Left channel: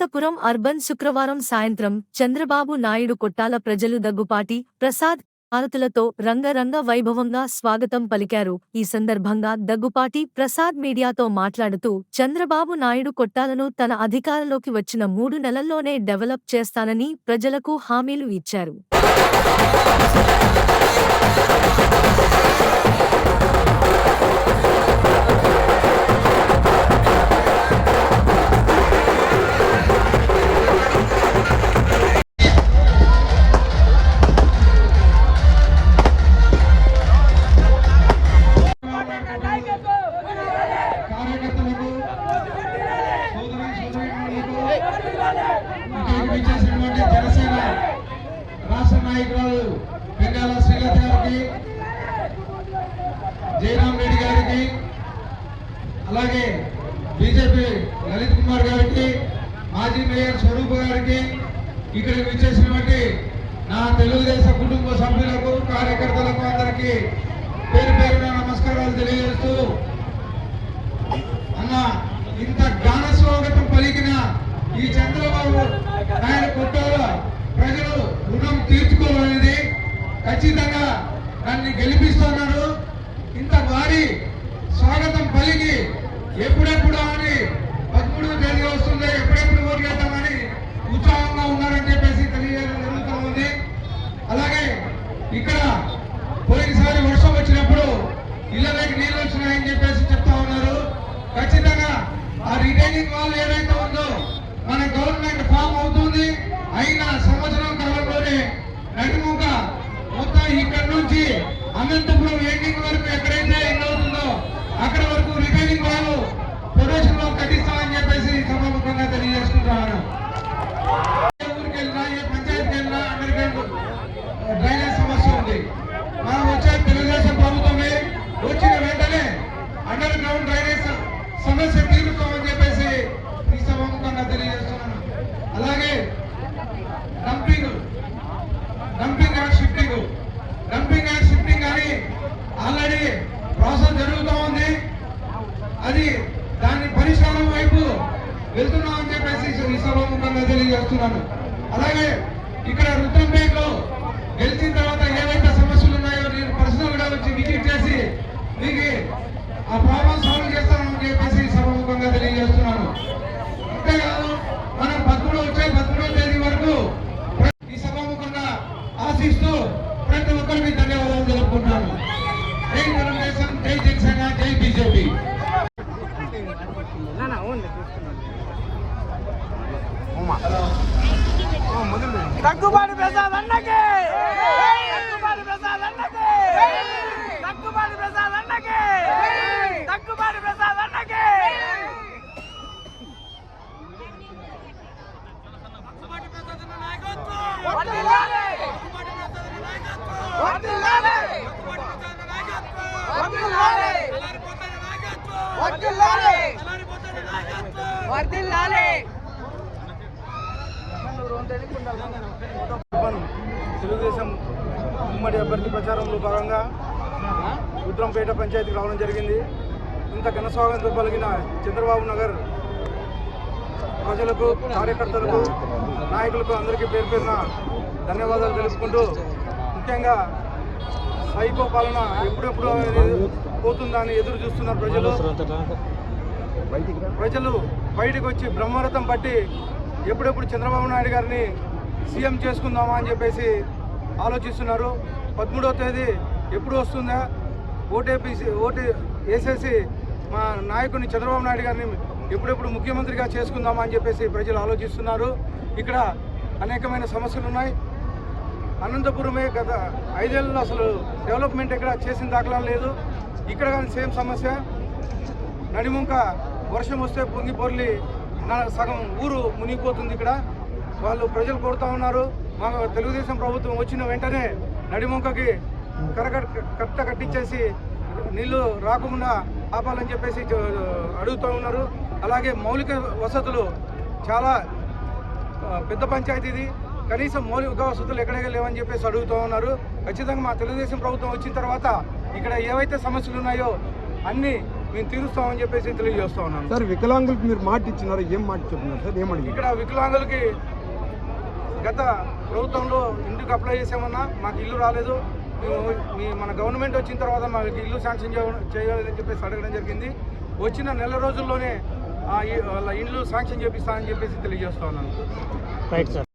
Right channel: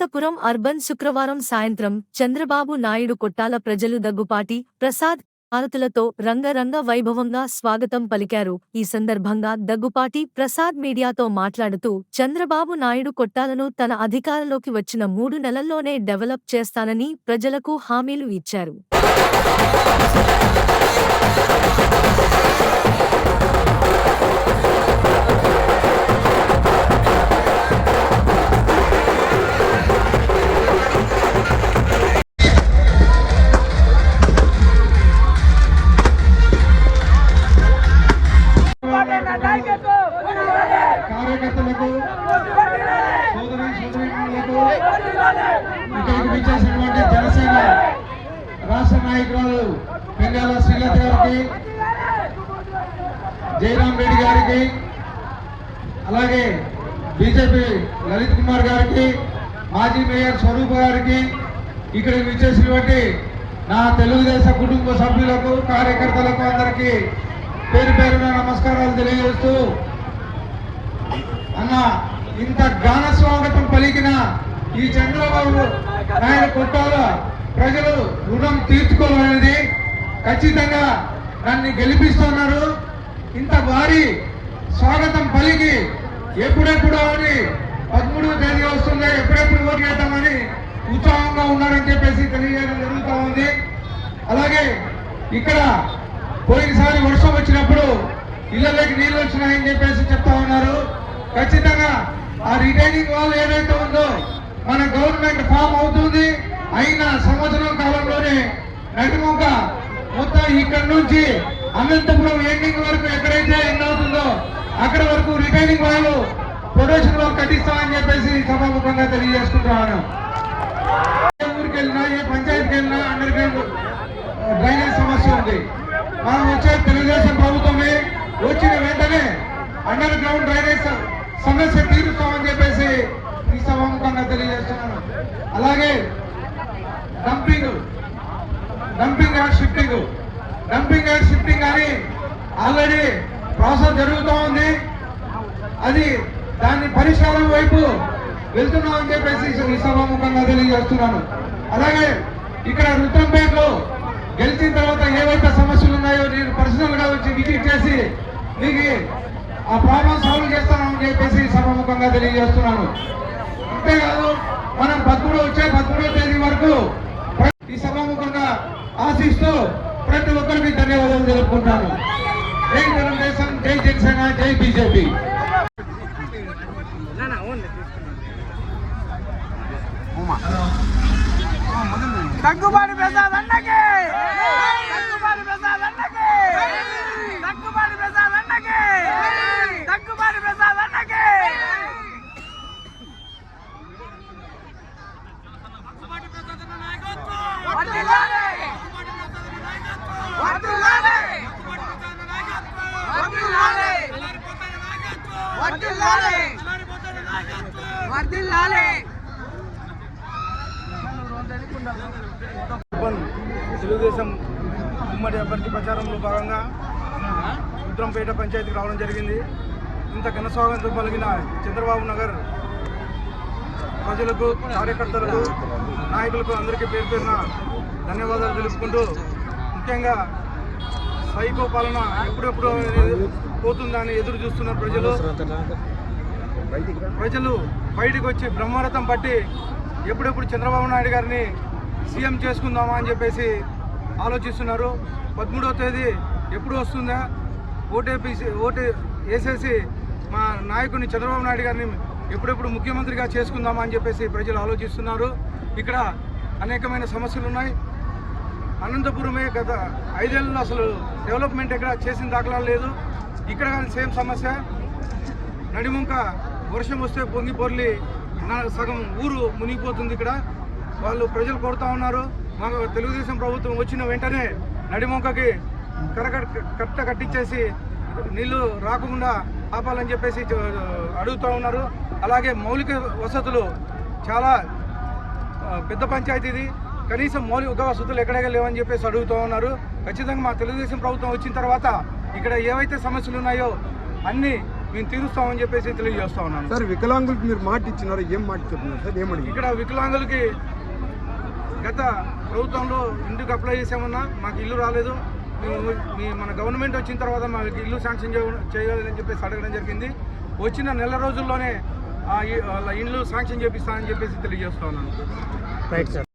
Anantapuram urban శుక్రవారం సాయంత్రం చంద్రబాబు నాయుడు కొట్టాల ప్రజలు దగ్గుపాటి ప్రసాద్ హారతులతో రంగరంగ వైభవంగా స్వాగతం పలికారు. ఈ సందర్భంగా దగ్గుపాటి ప్రసాద్ మీడియాతో మాట్లాడుతూ చంద్రబాబు నాయుడు కొట్టాలను తన అధికారంలోకి వచ్చిన 3 నెలల్లోనే డెవలప్ చేస్తానని ప్రజలకు హామీలు ఇచ్చారు. కార్యకర్తలకు సోదరులకు ఇక్కడికి విచ్చేసినటువంటి జనసేన రాష్ట్ర నాయకులు పెంగాల శ్రీనాథ్ గారికి, జయరామ్ రెడ్డి గారికి, అలాగే బీజేపీ లలిత్ కుమార్ గారికి, మాజీ మేయర్ స్వరూప్ గారికి, ఇక్కడికి విచ్చేసినటువంటి నా తెలుగుదేశం కుటుంబ సభ్యులకు, కార్యకర్తలకు అందరికీ పేరు పేరున నమస్కారాలు తెలియజేస్తూ, అన్న ఇంత ఘన స్వాగతం పలికిన ఈ చంద్రబాబు నాయుడు కొట్టాల ప్రజలు రుణం తీర్చుకోవాలనేది, ఖచ్చితంగా నన్ను గెలిపిస్తున్నారు. ఇంత భారీ స్వాగతం పలికి ఎప్పుడెప్పుడు అని 13వ తేదీ వస్తుందా, ఎప్పుడెప్పుడు ఓటు వేద్దామని ఉత్సాహంగా ఉన్నారని చెప్పేసి తెలియజేయడం జరుగుతూ ఉంది. అలాగే ఇక్కడ పోయినసారి వర్షం వచ్చినప్పుడు ఇళ్లలోకి నీళ్ళు వచ్చినాయని చెప్పేసి చెప్తా ఉన్నారు. ఖచ్చితంగా ఆ రిటైనింగ్ వాల్ ఏదైతే ఉందో మన గవర్నమెంట్ ఫామ్ అవుతుంది. అయిన సంవత్సరం కాలంలోనే నడిముక మొత్తం ఇక్కడ నుంచి అనంతపురం ఎండింగ్ వరకు ఎక్కడైతే ఎండ్ అవుతుందో అక్కడ వరకు రిటైనింగ్ వాల్ ప్రొడక్షన్ వాల్ కట్టిస్తామని చెప్పేసి సభాముఖంగా తెలియజేసుకుంటున్నాను. ఊరికి వెళ్ళినా, ఏ పంచాయతీకి వెళ్ళినా అండర్ గ్రౌండ్ డ్రైనేజ్ సమస్య ఉంది. మనం వచ్చే తెలుగుదేశం ప్రభుత్వమే వచ్చిన వెంటనే అండర్ గ్రౌండ్ డ్రైనేజ్ సమస్య తీరుస్తామని చెప్పేసి ఈ సభాముఖంగా తెలియజేస్తున్నాను. అలాగే డంపింగ్ అండ్ షిఫ్టింగ్ అని ఆల్రెడీ ప్రాసెస్ జరుగుతూ ఉంది. అది దాని పరిష్కారం వైపు వెళ్తున్నామని చెప్పేసి ఈ సభాముఖంగా తెలియజేస్తున్నాను. అలాగే ఇక్కడ రుద్రంపేటలో గెలిచిన తర్వాత ఏవైతే సమస్యలు ఉన్నాయో నేను పర్సనల్ గా వచ్చి విజిట్ చేసి మీకు ఆ ప్రాబ్లం సాల్వ్ చేస్తానని చెప్పేసి సభాముఖంగా తెలియజేస్తున్నాను. అంతేకాదు మనం 13వ తేదీ వరకు ఈ సభాముఖంగా ఆశిస్తూ ప్రతి ఒక్కరికి ధన్యవాదాలు తెలుపుకుంటాను. జై తెలుగుదేశం, జై జనసేన, జై బీజేపీ. దగ్గుబాటి ప్రసాద్ అన్నకి, దగ్గుబాటి ప్రసాద్ అన్నకి, దగ్గుబాటి ప్రసాద్ అన్నకి, దగ్గుబాటి ప్రసాద్ అన్నకి. వర్ధిల్లాలి, వర్ధిల్లాలి, వర్ధిల్లాలి, వర్ధిల్లాలి, వర్ధిల్లాలి. తెలుగుదేశం ఉమ్మడి అభ్యర్థి ప్రచారంలో భాగంగా రుద్రంపేట పంచాయతీకి రావడం జరిగింది. ఇంత ఘన స్వాగతం పలికిన చంద్రబాబు నగర్ ప్రజలకు, కార్యకర్తలకు, నాయకులకు అందరికీ పేరు పేరున ధన్యవాదాలు తెలుపుకుంటూ, ముఖ్యంగా సైకో పాలన ఎప్పుడెప్పుడు పోతుందా అని ఎదురు చూస్తున్నారు ప్రజలు బయటకు వచ్చి బ్రహ్మరథం పట్టి ఎప్పుడెప్పుడు చంద్రబాబు నాయుడు గారిని సీఎం చేసుకుందామా అని చెప్పేసి ఆలోచిస్తున్నారు. 13వ తేదీ ఎప్పుడు వస్తుందా, ఓటు వేసేసి మా నాయకుని చంద్రబాబు నాయుడు గారిని ఎప్పుడెప్పుడు ముఖ్యమంత్రిగా చేసుకుందామా అని చెప్పేసి ప్రజలు ఆలోచిస్తున్నారు. ఇక్కడ అనేకమైన సమస్యలు ఉన్నాయి. అనంతపురమే గత 5 ఏళ్ళలో అసలు డెవలప్మెంట్ ఇక్కడ చేసిన దాఖలా లేదు. ఇక్కడ కానీ సేమ్ సమస్య. నడిముంక వర్షం వస్తే పొంగి పొర్లి సగం ఊరు మునిగిపోతుంది. ఇక్కడ ప్రజలు కోరుతూ ఉన్నారు, మా తెలుగుదేశం ప్రభుత్వం వచ్చిన వెంటనే నడిముంకకి కట్ట కట్టించేసి నీళ్లు రాకుండా ఆపాలని చెప్పేసి అడుగుతూ ఉన్నారు. అలాగే మౌలిక వసతులు చాలా పెద్ద పంచాయతీది, కనీసం మౌలిక వసతులు ఎక్కడెక్కడ లేవని చెప్పేసి అడుగుతూ ఉన్నారు. ఖచ్చితంగా మా తెలుగుదేశం ప్రభుత్వం వచ్చిన తర్వాత ఇక్కడ ఏవైతే సమస్యలు ఉన్నాయో అన్నీ మేము తీరుస్తామని చెప్పేసి తెలియజేస్తా ఉన్నాను. సార్ వికలాంగులకు మీరు మాట ఇచ్చినారు, ఏం మాట చెప్తున్నారు సార్? ఏమడిగి ఇక్కడ వికలాంగులకి గత ప్రభుత్వంలో ఇంటికి అప్లై చేసామన్నా మాకు ఇల్లు రాలేదు, మేము మన గవర్నమెంట్ వచ్చిన తర్వాత మాకు ఇల్లు శాంక్షన్ చేయాలని చెప్పేసి అడగడం జరిగింది. వచ్చిన నెల రోజుల్లోనే వాళ్ళ ఇల్లు శాంక్షన్ చేపిస్తానని చెప్పేసి తెలియజేస్తా ఉన్నాను. Right sir.